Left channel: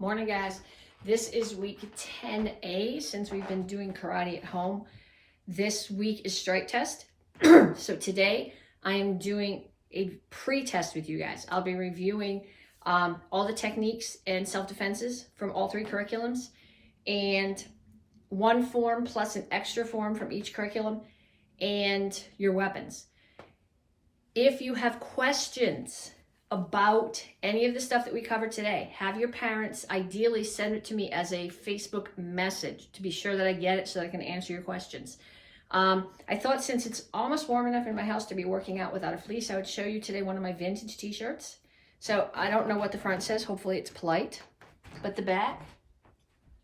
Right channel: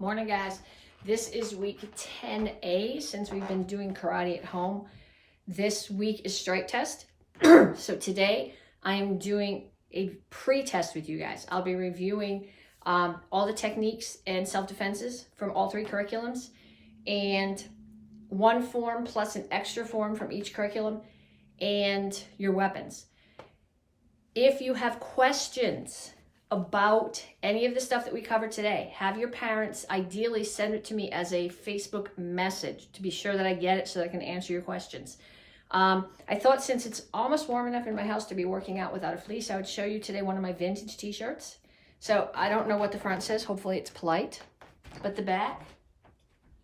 Morning, guys. This is week 10A since we've been doing karate at home. This week is strike test. So today I am doing a pre-test with you guys. I'll be reviewing all the techniques and self-defenses from all three curriculums, and one form plus an extra form from each curriculum, and your weapons. If you have questions about any of the stuff that we covered today, have your parents ideally send it to me as a Facebook message to be sure that I get it so that I can answer your questions. I thought since it's almost warm enough in my house to be working out without a fleece, I would show you today one of my vintage t-shirts. So I don't know what the front says. Hopefully it's polite. But the back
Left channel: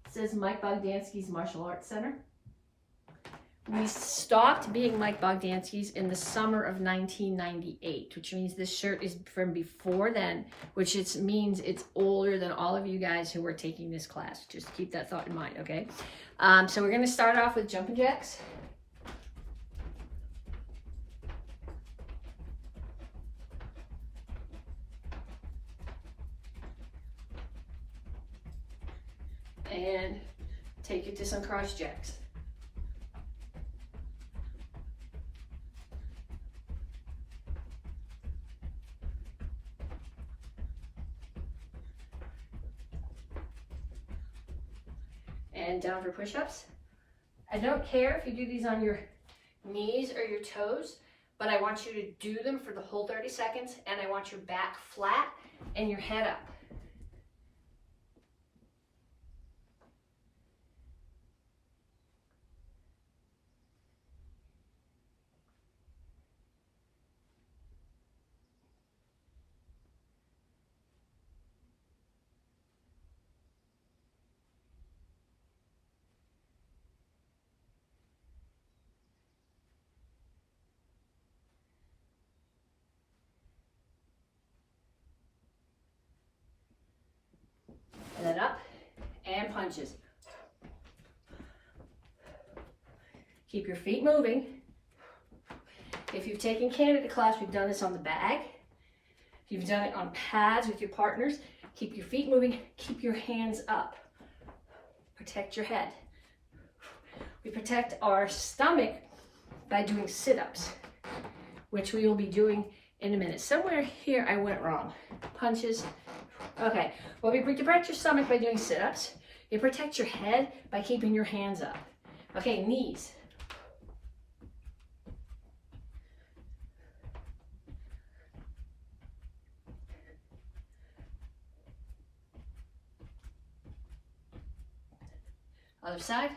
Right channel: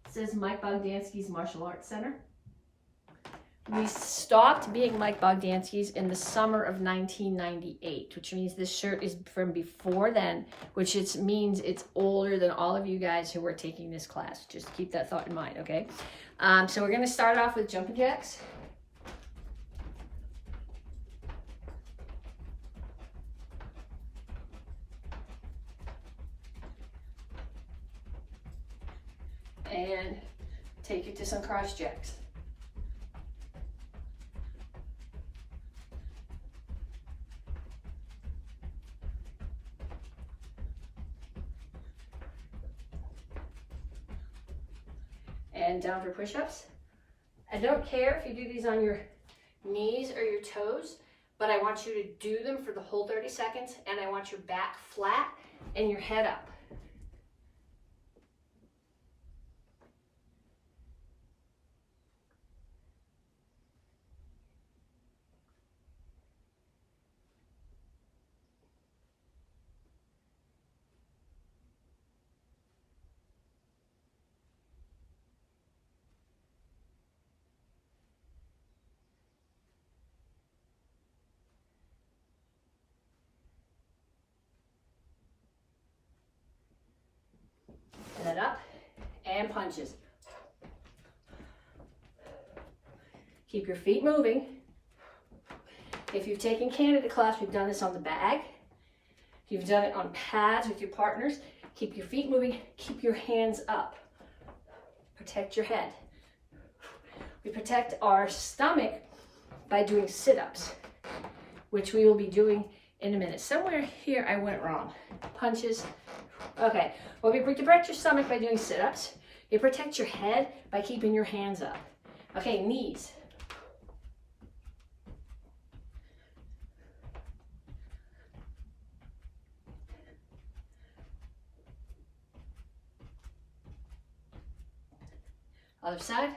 says Mike Bogdansky's Martial Arts Center. We stopped being Mike Bogdansky's in the summer of 1998, which means this shirt is from before then, which means it's older than all of you guys who were taking this class. Just keep that thought in mind, okay? So we're going to start off with jumping jacks. And take it to some cross jacks. And down for push-ups. I don't care if you do these on your knees or your toes, but I want you to do them for the whole 30 seconds, and I want your back flat and your head up. And then up, and punches. Keep your feet moving. If you've taken Canada class, we've done this on the bag. You've done it on pads with your partners. Keep your feet moving, keep your hands up. Protect your head. We protect our stomach by doing sit-ups, which we will be doing in a minute. Somewhere here I went wrong. Punches. Okay, well, we protect your stomach by doing sit-ups. You protect your head by keeping your hands up. Okay, knees. Other side.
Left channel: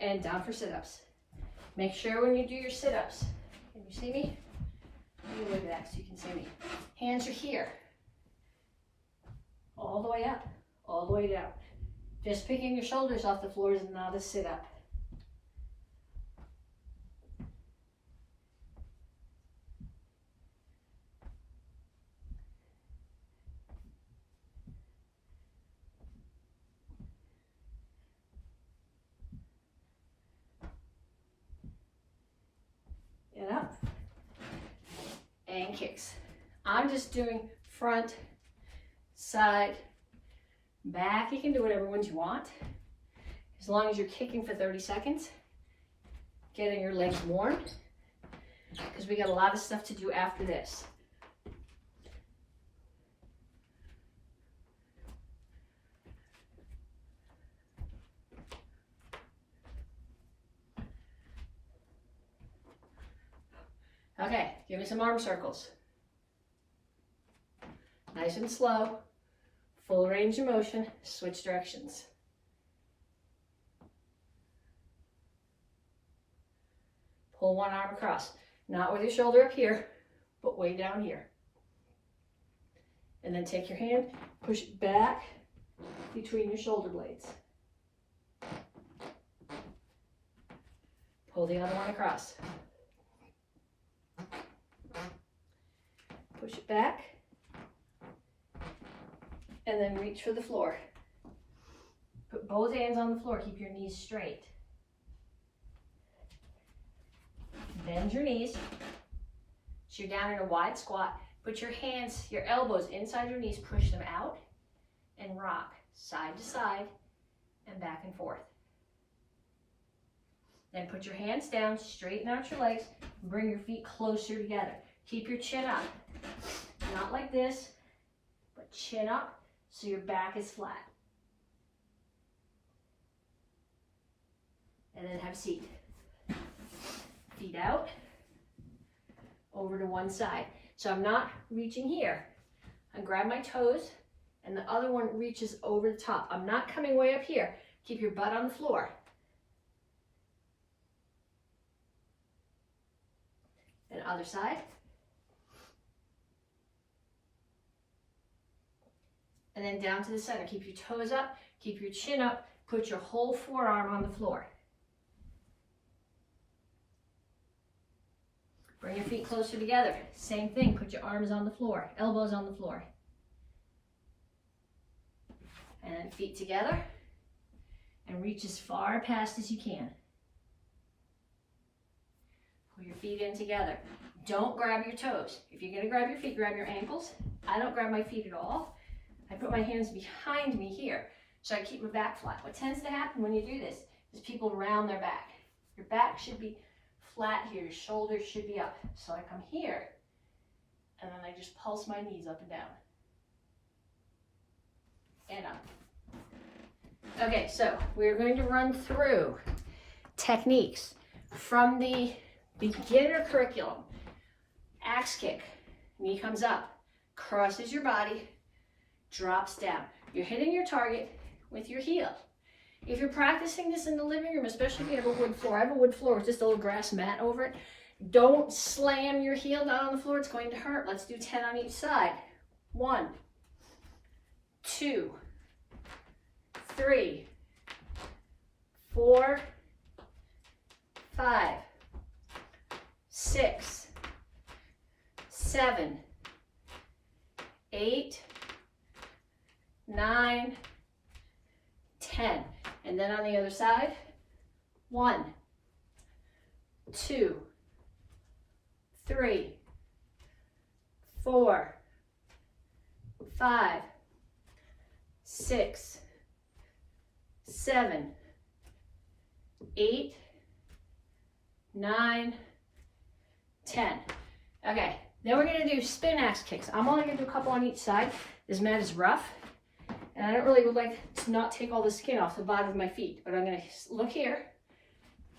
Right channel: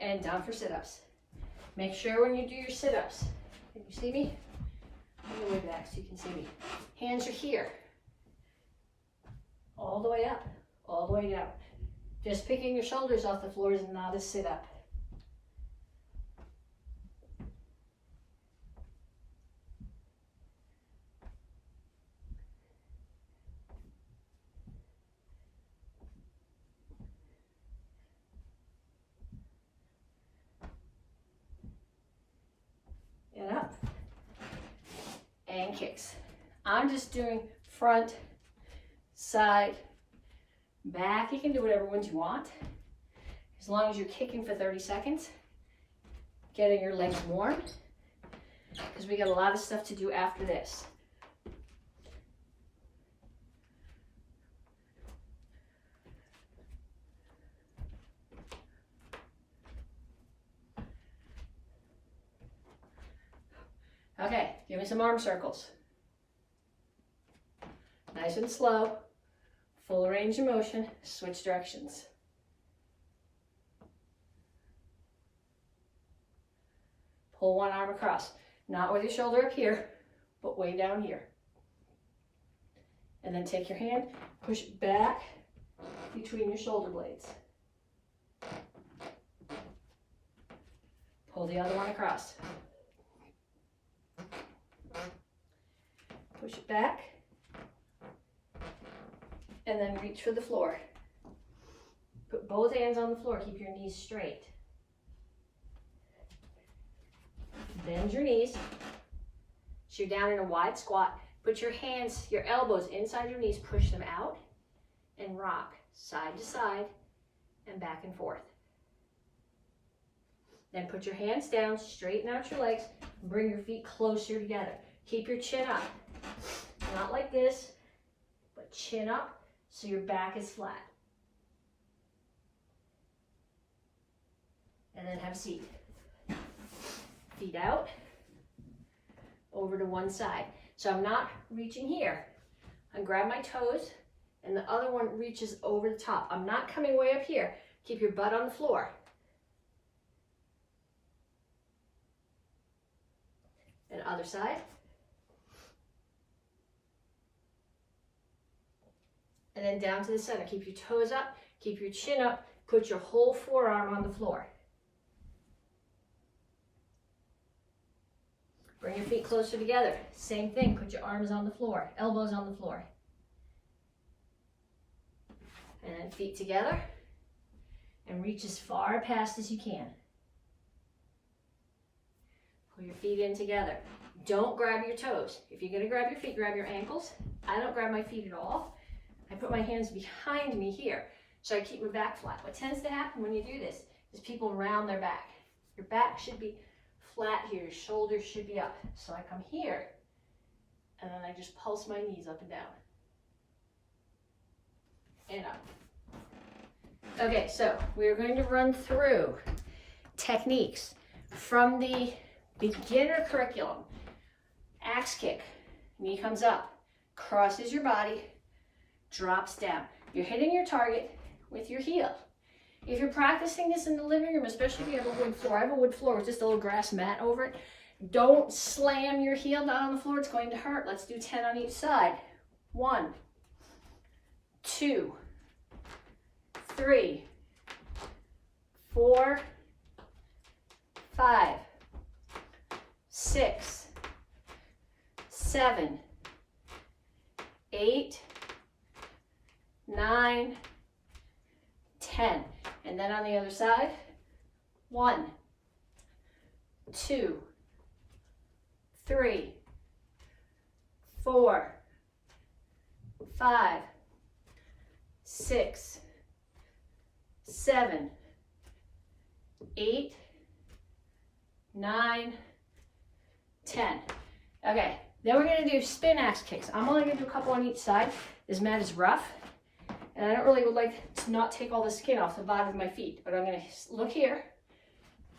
And down for sit-ups. Make sure when you do your sit-ups, can you see me? Let me look back so you can see me. Hands are here. All the way up, all the way down. Just picking your shoulders off the floor is not a sit-up. And up, and kicks. I'm just doing front, side, back. You can do whatever ones you want, as long as you're kicking for 30 seconds, getting your legs warm, because we got a lot of stuff to do after this. Okay, give me some arm circles. Nice and slow, full range of motion, switch directions. Pull one arm across, not with your shoulder up here, but way down here. And then take your hand, push it back between your shoulder blades. Pull the other one across. Push it back, and then reach for the floor. Put both hands on the floor. Keep your knees straight. Bend your knees. So you're down in a wide squat. Put your hands, your elbows inside your knees. Push them out and rock side to side and back and forth. Then put your hands down, straighten out your legs, and bring your feet closer together. Keep your chin up. Not like this, but chin up so your back is flat. And then have a seat. Feet out, over to one side. So I'm not reaching here. I grab my toes, and the other one reaches over the top. I'm not coming way up here. Keep your butt on the floor. And other side. And then down to the center. Keep your toes up, keep your chin up, put your whole forearm on the floor. Bring your feet closer together. Same thing, put your arms on the floor, elbows on the floor. And then feet together and reach as far past as you can. Pull your feet in together. Don't grab your toes. If you're gonna grab your feet, grab your ankles. I don't grab my feet at all. I put my hands behind me here, so I keep my back flat. What tends to happen when you do this is people round their back. Your back should be flat here, your shoulders should be up. So I come here, and then I just pulse my knees up and down. And up. Okay, so we're going to run through techniques from the beginner curriculum. Axe kick, knee comes up, crosses your body, drops down. You're hitting your target with your heel. If you're practicing this in the living room, especially if you have a wood floor, I have a wood floor with just a little grass mat over it. Don't slam your heel down on the floor, it's going to hurt. Let's do 10 on each side. 1, 2, 3, 4, 5, 6, 7, 8, 9, 10. And then on the other side, 1, 2, 3, 4, 5, 6, 7, 8, 9, 10. Okay, then we're gonna do spin axe kicks. I'm only gonna do a couple on each side. This mat is rough, and I don't really would like to not take all the skin off the bottom of my feet, but I'm gonna look here,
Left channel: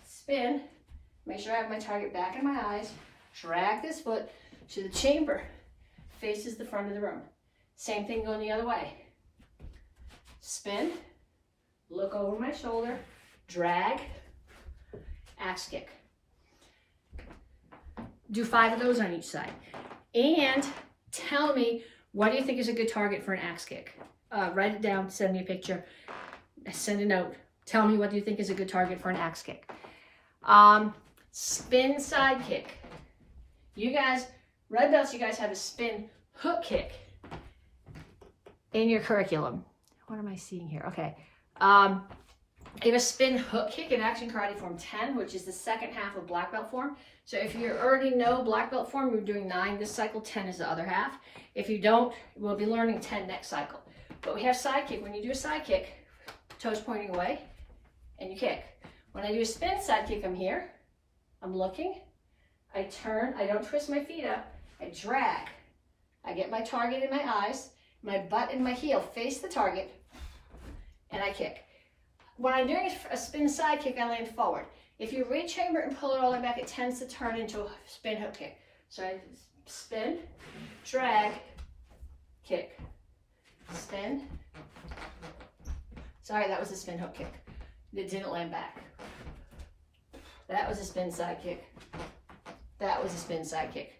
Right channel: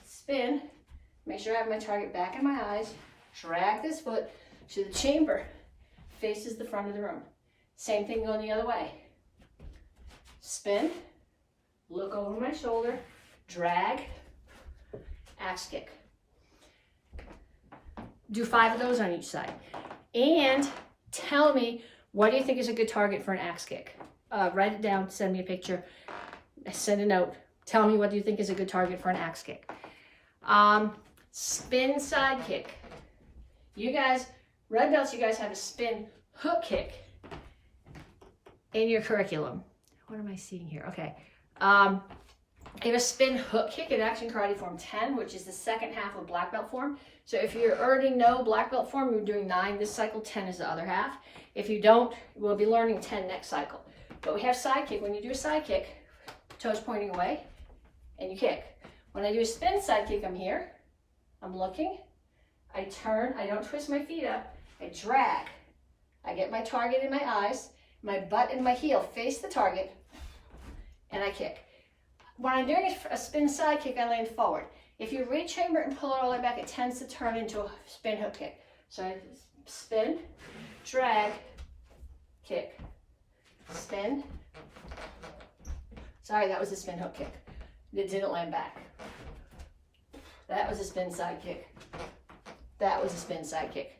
spin, make sure I have my target back in my eyes, drag this foot so the chamber faces the front of the room. Same thing going the other way. Spin, look over my shoulder, drag, axe kick. Do 5 of those on each side. And tell me, what do you think is a good target for an axe kick? Write it down, send me a picture, send a note. Tell me what you think is a good target for an axe kick. Spin side kick. You guys, red belts, you guys have a spin hook kick in your curriculum. What am I seeing here? Okay. You have a spin hook kick in Action Karate Form 10, which is the second half of black belt form. So if you already know black belt form, we're doing 9 this cycle, 10 is the other half. If you don't, we'll be learning 10 next cycle. But we have side kick. When you do a side kick, toes pointing away, and you kick. When I do a spin side kick, I'm here, I'm looking, I turn, I don't twist my feet up, I drag. I get my target in my eyes, my butt and my heel face the target, and I kick. When I'm doing a spin side kick, I land forward. If you reach chamber and pull it all the way back, it tends to turn into a spin hook kick. So I spin, drag, kick, spin. Sorry, that was a spin hook kick. It didn't land back. That was a spin side kick. That was a spin side kick.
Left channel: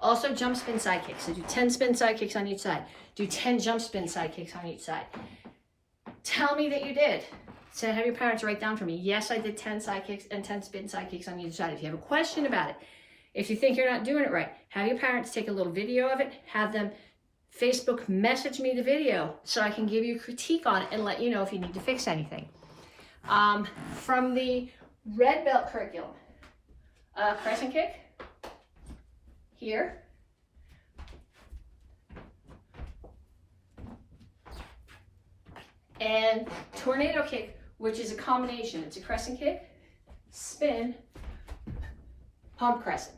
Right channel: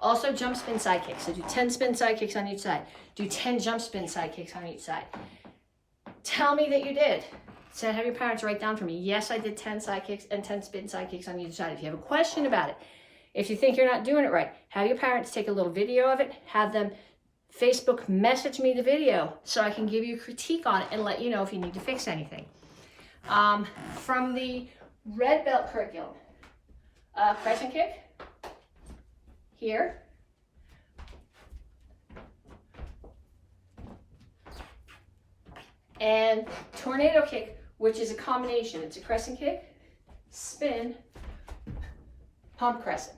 Also jump spin side kicks. So do 10 spin side kicks on each side. Do 10 jump spin side kicks on each side. Tell me that you did. So have your parents write down for me. Yes, I did 10 side kicks and 10 spin side kicks on each side. If you have a question about it, if you think you're not doing it right, have your parents take a little video of it, have them Facebook message me the video so I can give you a critique on it and let you know if you need to fix anything. From the red belt curriculum, crescent kick, here, and tornado kick, which is a combination. It's a crescent kick, spin, pump crescent.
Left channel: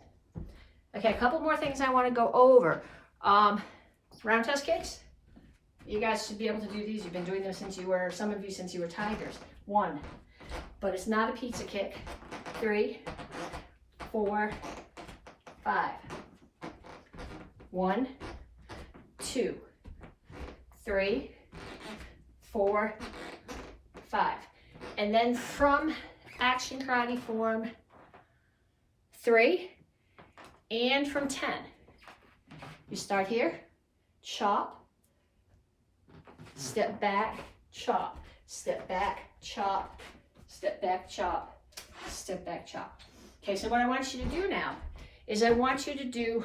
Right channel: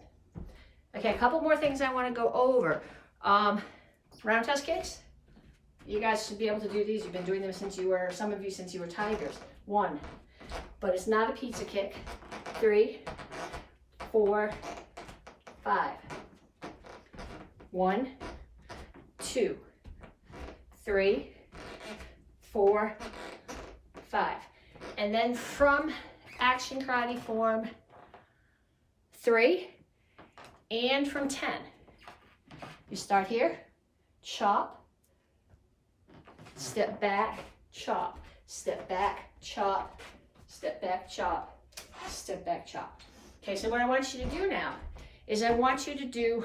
Okay, a couple more things I want to go over. Roundhouse kicks. You guys should be able to do these. You've been doing them since you were, some of you since you were tigers. 1, but it's not a pizza kick. 3, 4, 5. 1, 2, 3, 4, 5. And then from Action Karate Form 3 and from 10, you start here, chop, step back, chop, step back, chop, step back, chop, step back, chop. Okay, so what I want you to do now is I want you to do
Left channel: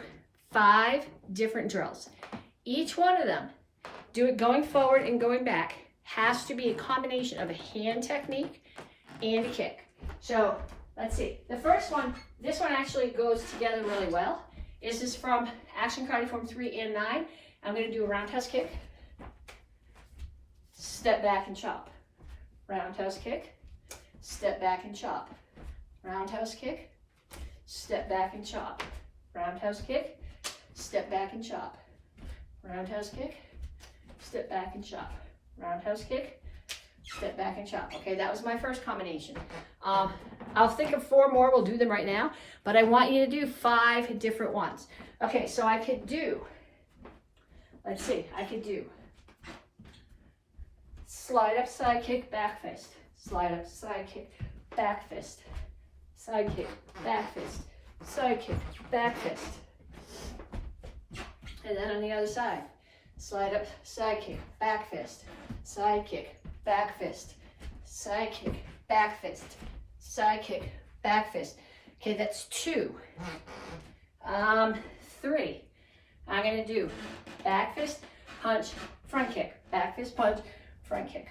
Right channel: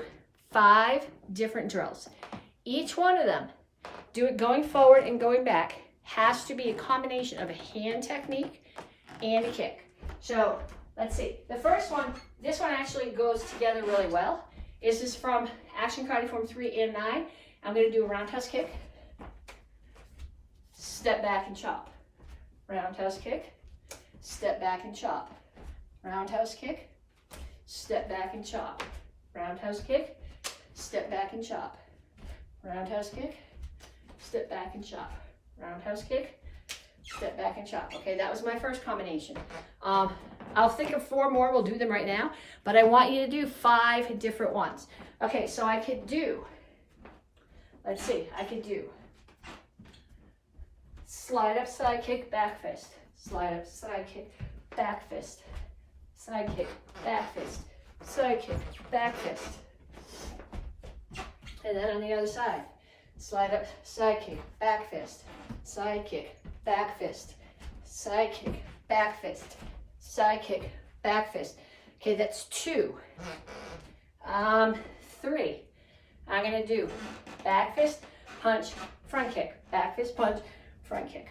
5 different drills. Each one of them, do it going forward and going back, has to be a combination of a hand technique and a kick. So let's see. The first one, this one actually goes together really well. This is from Action Karate Form 3 and 9. I'm going to do a roundhouse kick, step back and chop. Roundhouse kick, step back and chop. Roundhouse kick, step back and chop. Roundhouse kick, step back and chop. Roundhouse kick, step back and chop. Roundhouse kick, step back and chop. Okay, that was my first combination. I'll think of 4 more, we'll do them right now, but I want you to do 5 different ones. Okay, so I could do, let's see, I could do slide up, side kick, back fist. Slide up, side kick, back fist. Side kick, back fist. Side kick, back fist. And then on the other side, slide up, side kick, back fist. Side kick, back fist. Side kick, back fist. Side kick, back fist. Okay, that's 2. 3. I'm gonna do back fist, punch, front kick. Back fist, punch, front kick.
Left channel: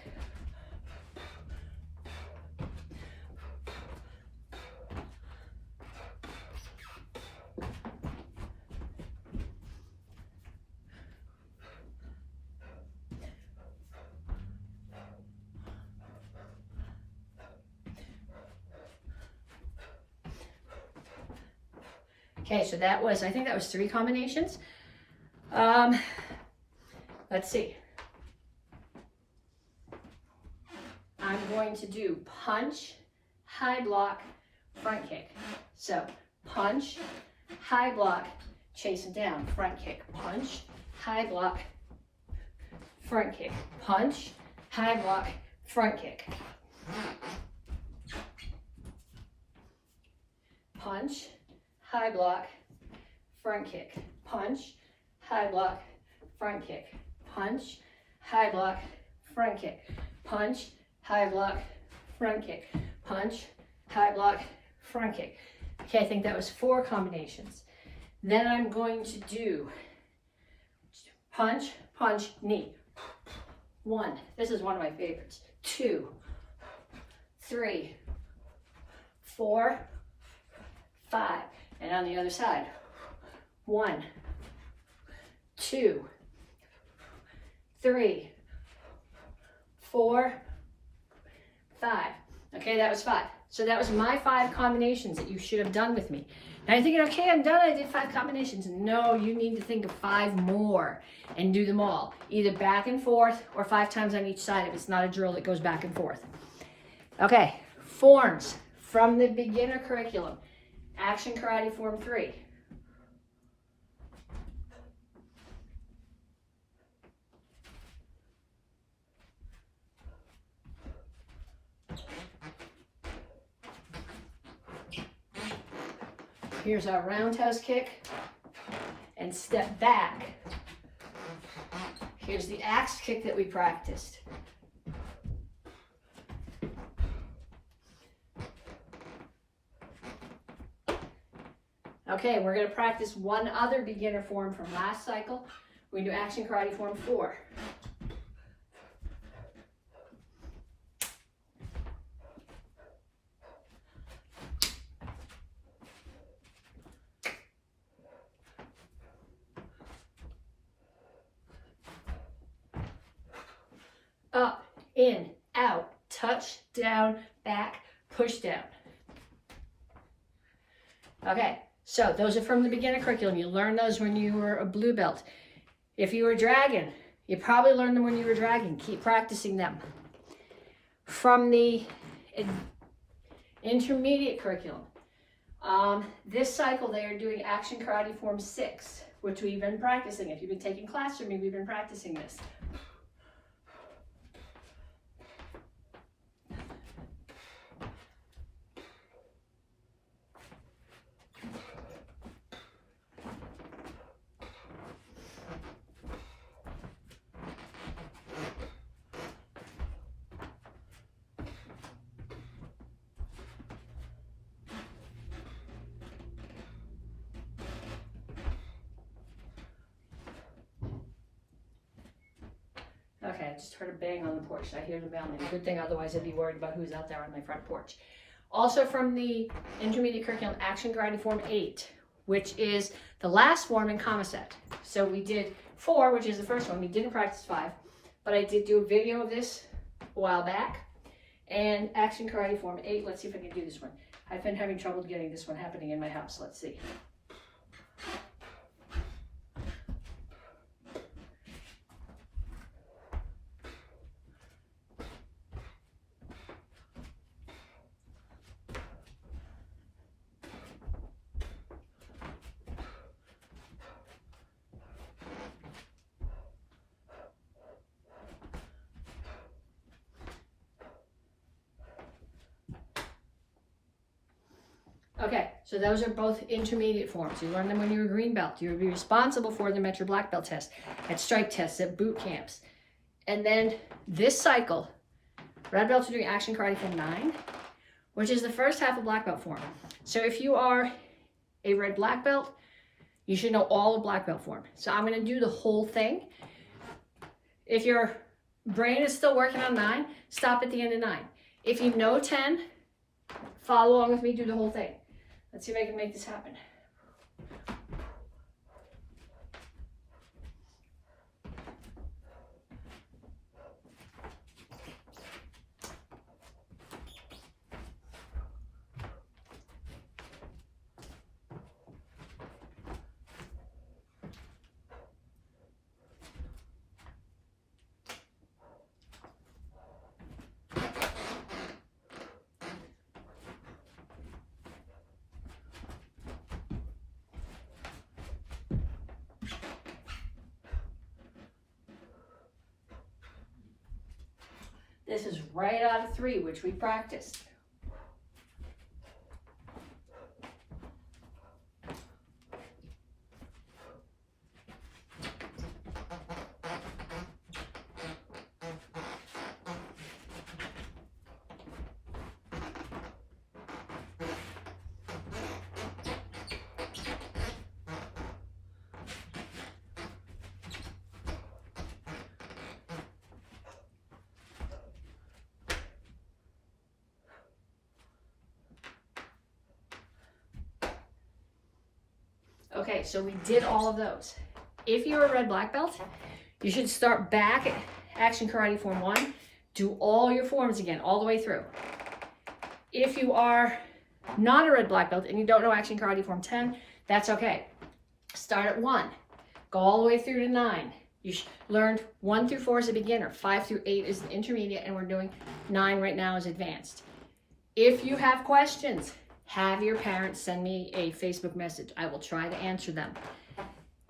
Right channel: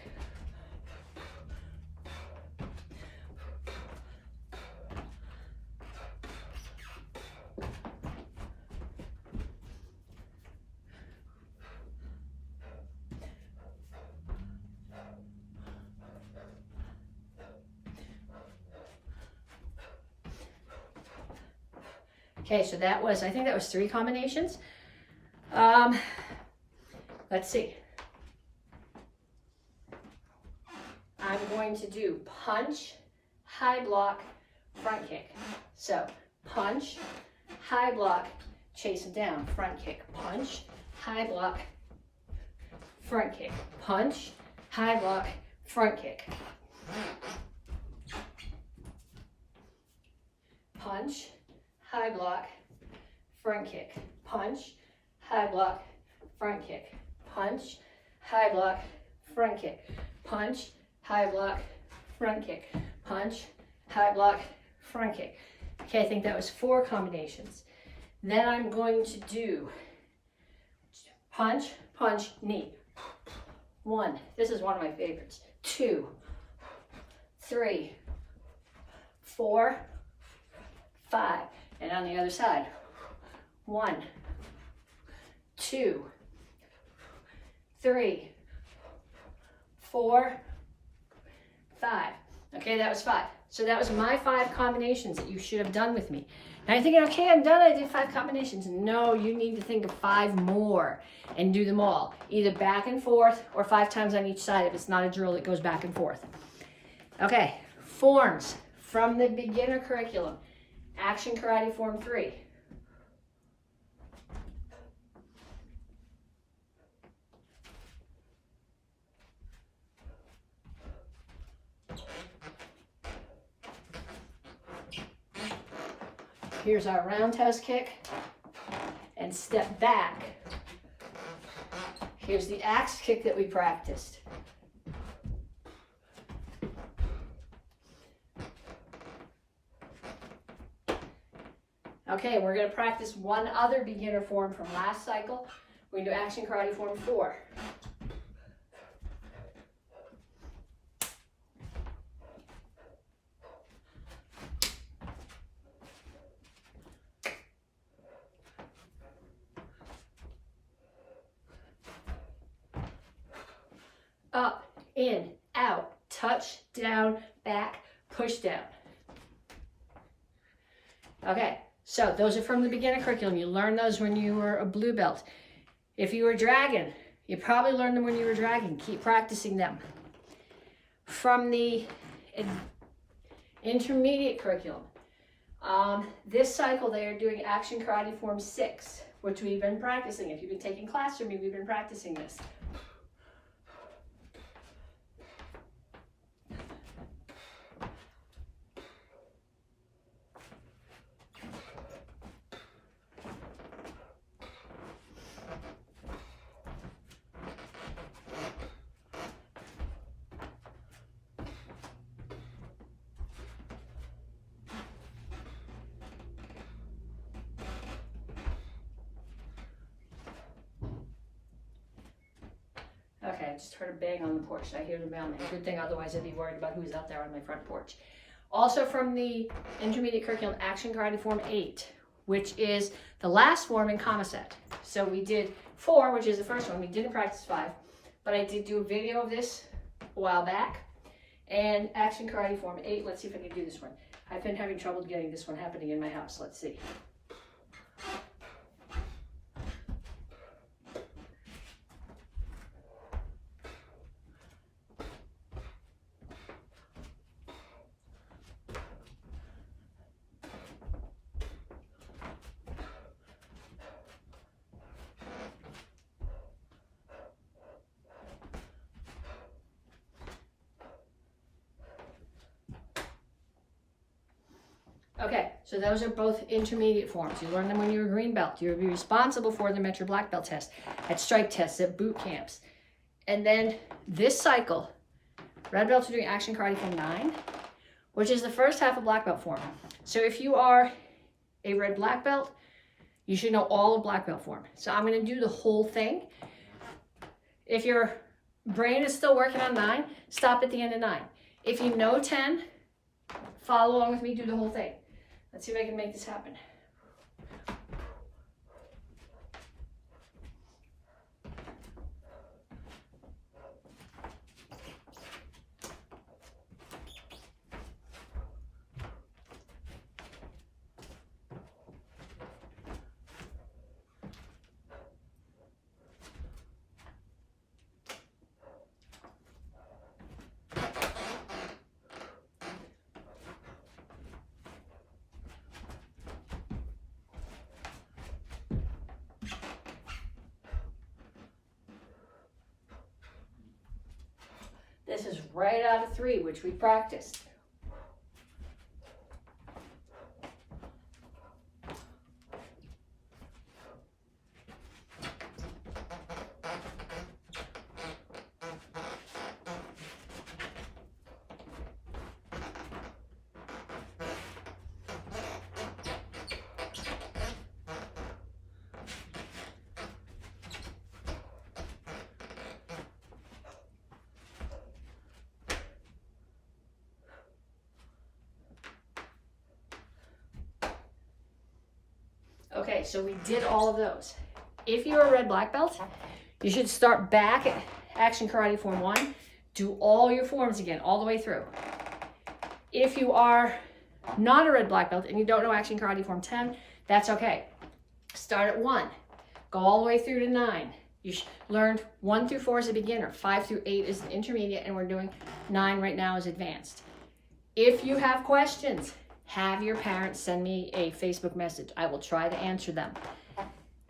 Okay, so that was, I think that was 3 combinations. Let's see. I'm going to do punch, high block, front kick. So punch, high block, chase him down, front kick. Punch, high block, front kick. Punch, high block, front kick. Punch, high block, front kick. Punch, high block, front kick. Punch, high block, front kick. Punch, high block, front kick. Punch, high block, front kick. Okay, I think that was 4 combinations. Then I'm going to do punch, punch, knee. 1, this is one of my favorites. 2, 3, 4, 5. And on the other side, 1, 2, 3, 4, 5. Okay, that was 5. So that was my 5 combinations that you should have done with me. Now you're thinking, okay, I'm done, I did 5 combinations. No, you need to think of 5 more and do them all, either back and forth or 5 times on each side if it's not a drill that goes back and forth. Okay, forms from the beginner curriculum. Action Karate Form 3. Here's our roundhouse kick and step back. Here's the axe kick that we practiced. Okay, we're going to practice one other beginner form from last cycle, We're going to do action karate form 4. Up, in, out, touch, down, back, push down. Okay, so those are from the beginner curriculum. You learned those when you were a blue belt. If you were dragon, you probably learned them when you were dragon. Keep practicing them. From the intermediate curriculum, this cycle they are doing action karate form 6, which we've been practicing. If you've been taking class from me, we've been practicing this. Okay, I just heard a bang on the porch. I hear the mailman. Good thing, otherwise I'd be worried about who's out there on my front porch. Also from the intermediate curriculum, action karate form 8, which is the last form in comma set. So we did 4, which is the first one. We didn't practice 5, but I did do a video of this a while back. And action karate form 8, let's see if I can do this one. I've been having trouble getting this one happening in my house. Let's see. Okay, so those are both intermediate forms. You learned them when you were green belt. You'll be responsible for them at your black belt test, at stripe tests, at boot camps. And then this cycle, red belts are doing action karate form 9, which is the first half of black belt form. So if you are a red black belt, you should know all of black belt form. So I'm going to do the whole thing. If your brain is still working on 9, stop at the end of 9. If you know 10, follow along with me, do the whole thing. Let's see if I can make this happen. This is right out of 3, which we practiced. Okay, so we did all of those. If you're a red black belt, you should start back at action karate form 1, do all your forms again, all the way through. If you are not a red black belt and you don't know action karate form 10, that's okay. Start at 1, go all the way through to 9. You learned 1 through 4 as a beginner, 5 through 8 is an intermediate, and we're doing 9 right now as advanced. If you have questions, have your parents send me a Facebook message. I will try to answer them.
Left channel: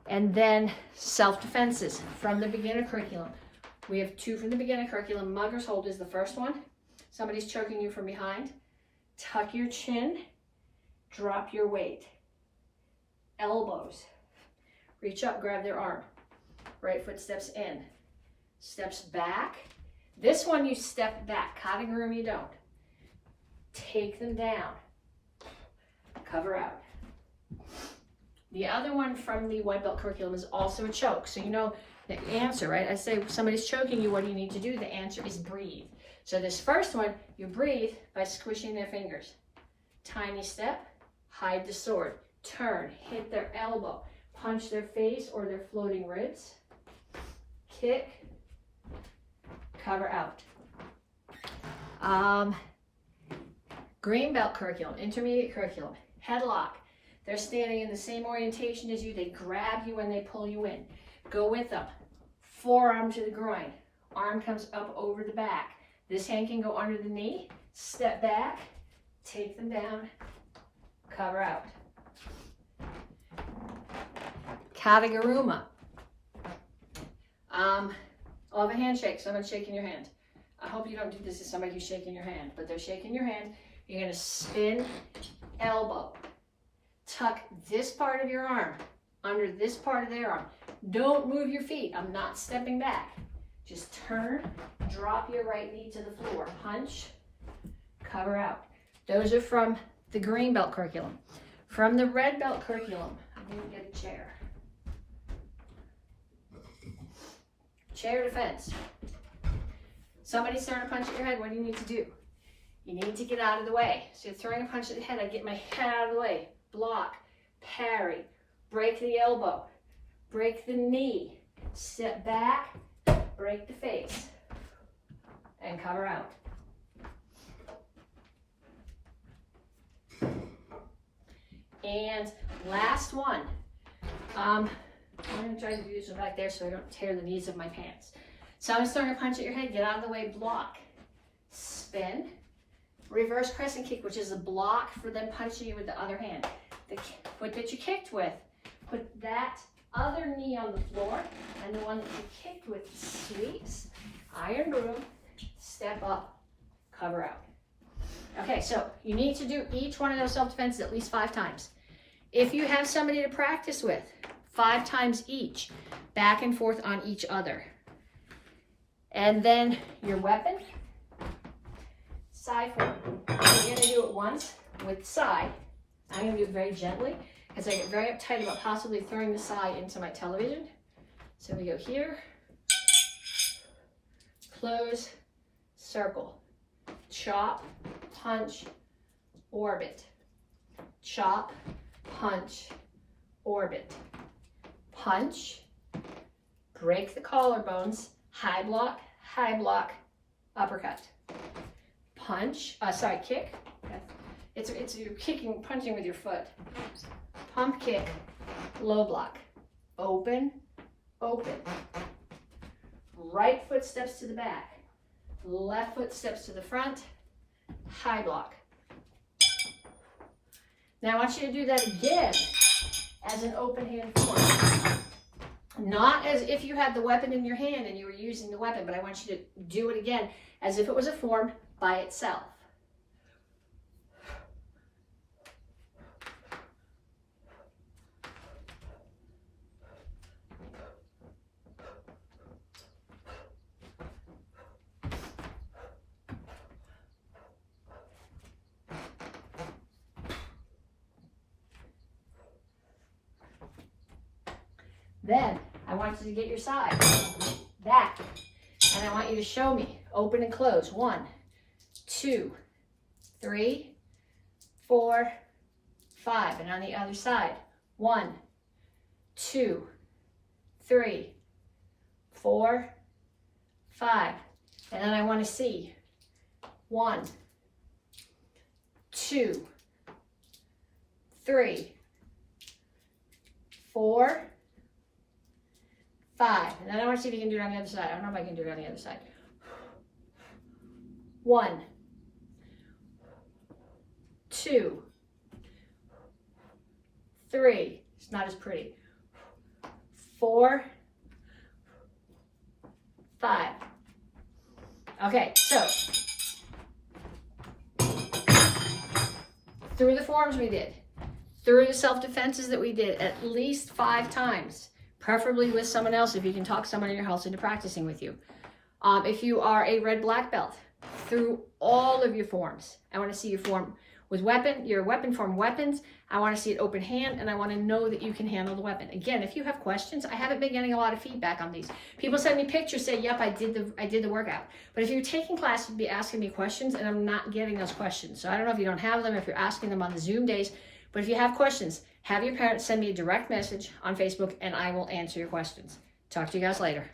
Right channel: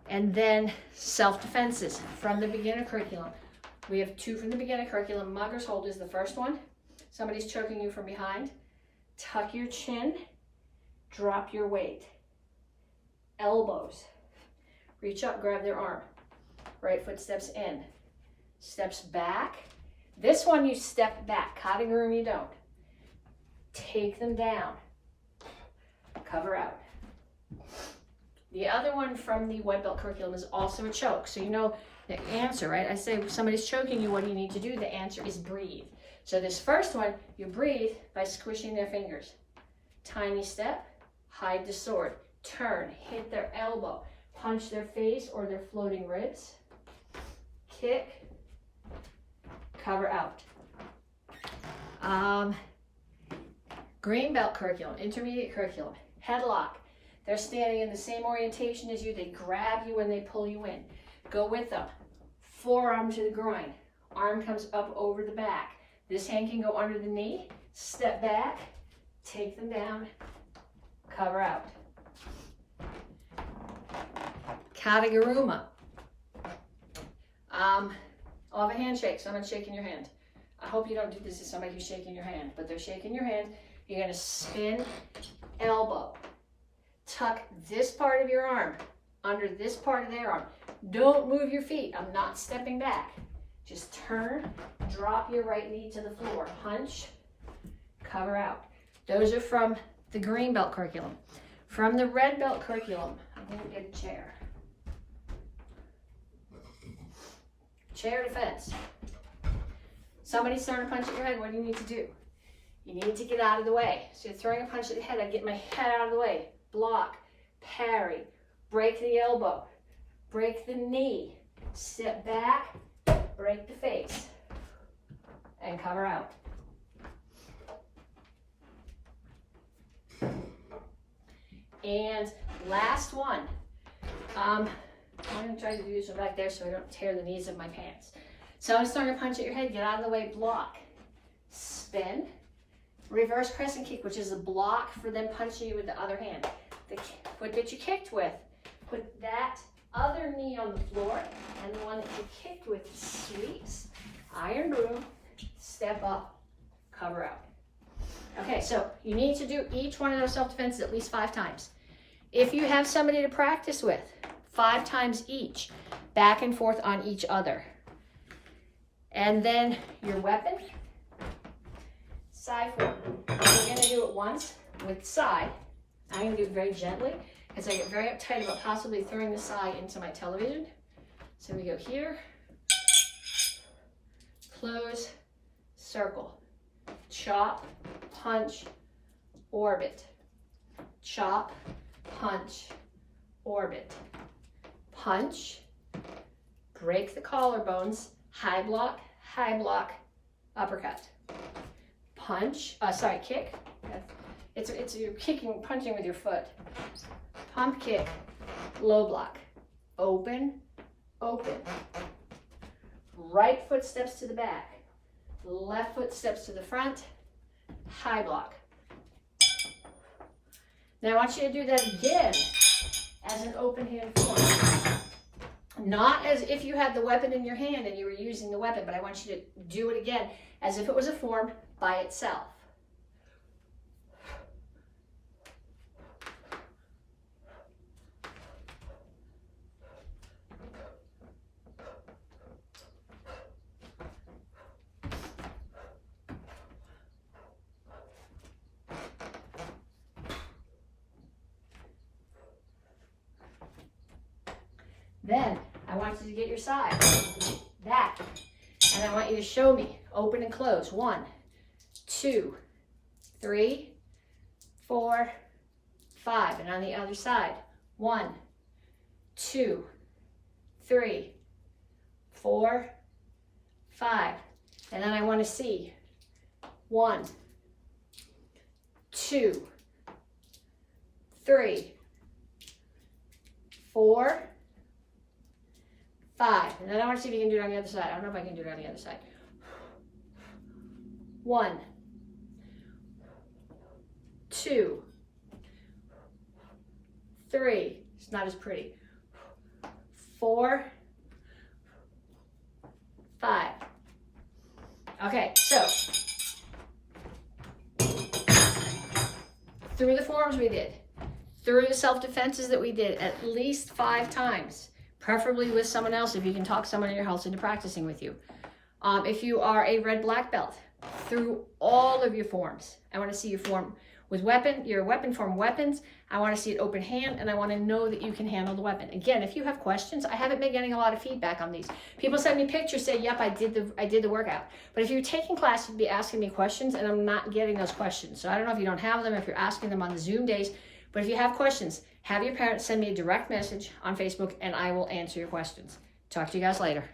And then self-defenses from the beginner curriculum. We have 2 from the beginner curriculum. Mugger's hold is the first one. Somebody's choking you from behind. Tuck your chin. Drop your weight. Elbows. Reach up, grab their arm. Right foot steps in. Steps back. This one you step back. Cotting room you don't. Take them down. Cover out. The other one from the white belt curriculum is also a choke. So you know the answer, right? I say somebody's choking you, what do you need to do? The answer is breathe. So this first one, you breathe by squishing their fingers. Tiny step, hide the sword, turn, hit their elbow, punch their face or their floating ribs, kick, cover out. Green belt curriculum, intermediate curriculum, headlock. They're standing in the same orientation as you. They grab you and they pull you in. Go with them. Forearm to the groin. Arm comes up over the back. This hand can go under the knee. Step back. Take them down. Cover out. Kataguruma. I'll have a handshake. Someone's shaking your hand. I hope you don't do this to somebody who's shaking your hand, but they're shaking your hand. You're going to spin elbow. Tuck this part of your arm under this part of their arm. Don't move your feet. I'm not stepping back. Just turn, drop your right knee to the floor. Punch, cover out. Those are from the green belt curriculum. From the red belt curriculum, I'm going to get a chair. Chair defense. Somebody's throwing a punch at your head. What do you need to do? You need to get out of the way. So you're throwing a punch at the head. I get my head out of the way. Block, parry, break the elbow, break the knee, step back, break the face, and cover out. And last one. I'm going to try to do this one back there so I don't tear the knees of my pants. So I'm throwing a punch at your head. Get out of the way. Block. Spin. Reverse crescent kick, which is a block for them punching you with the other hand. The foot that you kicked with, put that other knee on the floor, and the one that you kicked with sweeps, iron broom, step up, cover out. Okay, so you need to do each one of those self-defenses at least 5 times. If you have somebody to practice with, 5 times each, back and forth on each other. And then your weapon, side form. You're going to do it once with side. I'm going to do it very gently because I get very uptight about possibly throwing the side into my television. So we go here, close, circle, chop, punch, orbit, chop, punch, orbit, punch, break the collarbones, high block, uppercut, punch, kick. It's you're kicking, punching with your foot. Pump kick, low block, open, open. Right foot steps to the back, left foot steps to the front, high block. Now I want you to do that again as an open hand form. Not as if you had the weapon in your hand and you were using the weapon, but I want you to do it again as if it was a form by itself. Then I want you to get your side back, and I want you to show me open and close. 1, 2, 3, 4, 5, and on the other side. 1, 2, 3, 4, 5, and then I want to see 1, 2, 3, 4, 5, and then I want to see if you can do it on the other side. I don't know if I can do it on the other side. 1, 2, 3. It's not as pretty. 4, 5. Okay, so through the forms we did, through the self-defenses that we did at least 5 times. Preferably with someone else if you can talk someone in your house into practicing with you. If you are a red black belt, through all of your forms, I want to see your form With your weapon form weapons, I want to see it open hand, and I want to know that you can handle the weapon. Again, if you have questions, I haven't been getting a lot of feedback on these. People send me pictures, say, yep, I did the workout. But if you're taking class, you'd be asking me questions, and I'm not getting those questions. So I don't know if you don't have them, if you're asking them on the Zoom days, but if you have questions, have your parents send me a direct message on Facebook, and I will answer your questions. Talk to you guys later.